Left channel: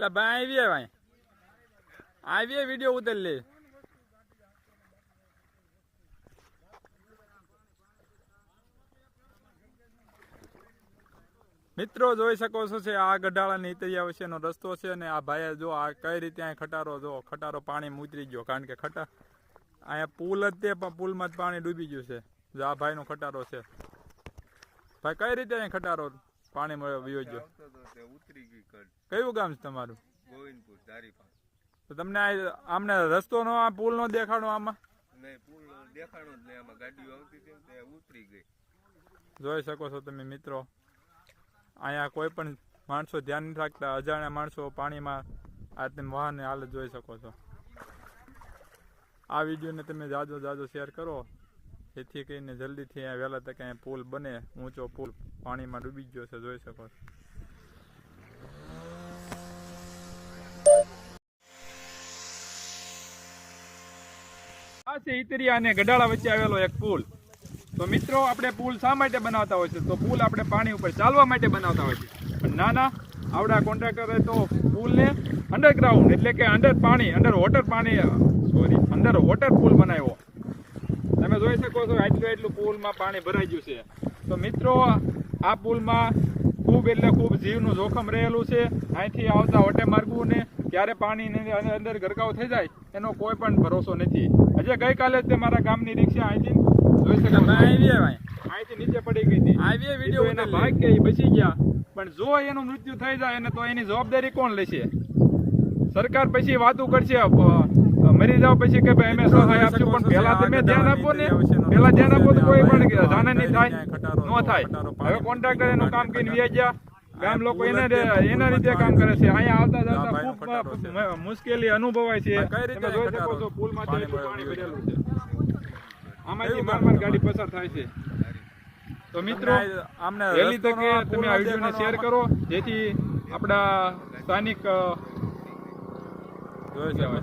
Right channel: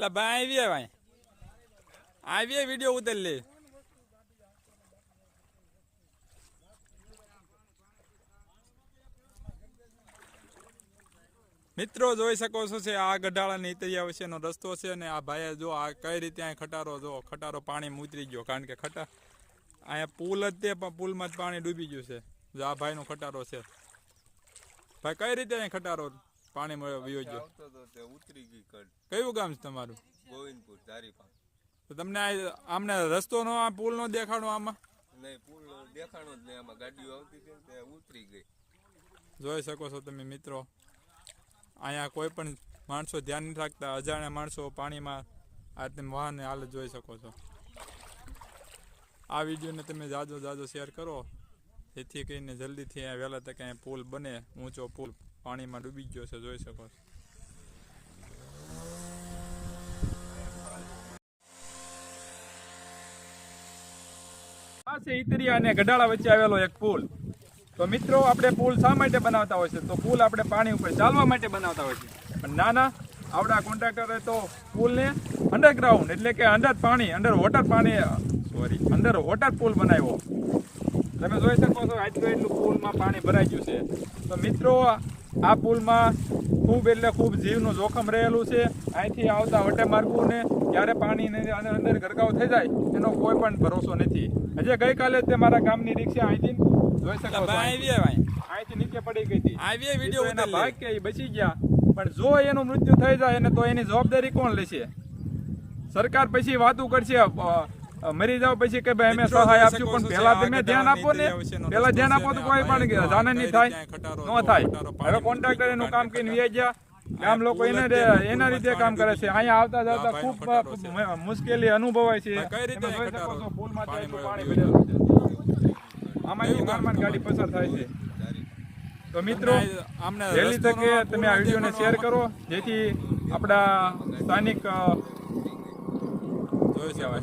એટલે ભાઈ આવીએ ભાઈ આવીએ વીડિયો ઉતારી લે. મિત્રો જોઈ શકો છો છે, આ ગઢાળાની ઇતરિયા વચ્ચેનો રસ્તો છે અને આ ભાઈએ જો આ કઈ રીતે અહીં ખટારો, જો ખટારો પાણી ઉતરી ગયો, કારણ કે ખટા અહીંયા પુલ જ તે, પણ પુલમાં જ પાણી ડૂબી ગયું છે. જો આ ભાઈનો ખટારો છે. ભાઈ, કઈ રીતે અહીં ખટારો વયો ગયો. આવતો તો તે ઉતરી ગઈ કયું ગામ છે તમારું? ગોવિંદપુર ધારીપા તો તમને આમને રસ્તો નો આ પુલ નો દેખાડો આમાં? નહીં પુલ દેખાણો જ નહીં. આમાં ગાડીઓ આવતી હતી તે ઉતરી ગઈ. જોઈ શકો છો તમે મિત્રો અહીંયા કોઈ પણ માણસો ધ્યાન નહીં રાખતા. અજાણ્યા માણસો પાણીમાં આ તમે વાહન હાલત જોઈ શકો છો. આ વિડીયોને તમે જાજો જાજો શેર કરો. જેથી કરીને જલ્દીથી અહીંયા વહેલા તકે અહીંયા પુલ બને. ઊંચો પુલ પાણીમાં ડૂબી ગયો છે, જોઈ શકો છો. આ અને ગઢાળા વચ્ચે આવેલો એક પુલ. તો મિત્રો, આપણે પુલ શા માટે બનાવતા હોય છે? તો પુલ આપણે પાણી ઉપર ચાલવા માટે બનાવતા હોય છે. પણ નાના આવડા કોન્ટ્રાક્ટરે તો પુલને અંડરગ્રાઉન્ડ એટલે કે અંડર પાણી અંડર વોટર પાણી સોરી અંડર વોટર પુલ બનાવ્યો. તમે જોઈ શકો છો આટલું એટલું પુલમાં પાણી ભરાઈ ગયું છે. તો મિત્રો આ પુલમાં ખૂબ એટલે ખૂબ જીવનું જોખમ રહેલું છે. અહીંથી આવતા વટે માર્ગોને ક્યારે પાણી અંદર ગરકાવ થઈ જાય એનો કોઈ પણ ભરોસો નથી. હજે ગઈકાલે તે મારા ગામની રિક્ષા અહીંથી જોઈ શકો છો. અહીંથી નીચે પડી ગઈ હતી. આવીએ વીડિયો એના ભાગ કે બચી ગયા. પણ જો એનું મૃત્યુ થઈ જાય ને તો એની જવાબદારી કોણ લેશે? સરકાર પછી વાતું કરશે મરી જાવ પછી કે ભાઈ અમે સહાય આપશું પણ પહેલા તમે ધ્યાન આપો ને પહેલા ધ્યાન આપો તો કોઈ પણ. જાણે નહીં થાય ન થાય હવે કોન્ટ્રાક્ટર એનું કામ કરીને વ્યાજ ગયા ગામ લોકો એને એના રીતે કામ કરે છે અહીંયા આવતા જતા ખૂબ. મુશ્કેલી અનુભવાય છે કઈ રીતે પાણી ગયો? આમાંથી ગામમાં ગાડી પસાર થાય છે તો મિત્રો આમને વહેલી તકે તમે આ વિડીયોને શેર કરો જેથી આપણા સ્થાનિક જોઈ શકો.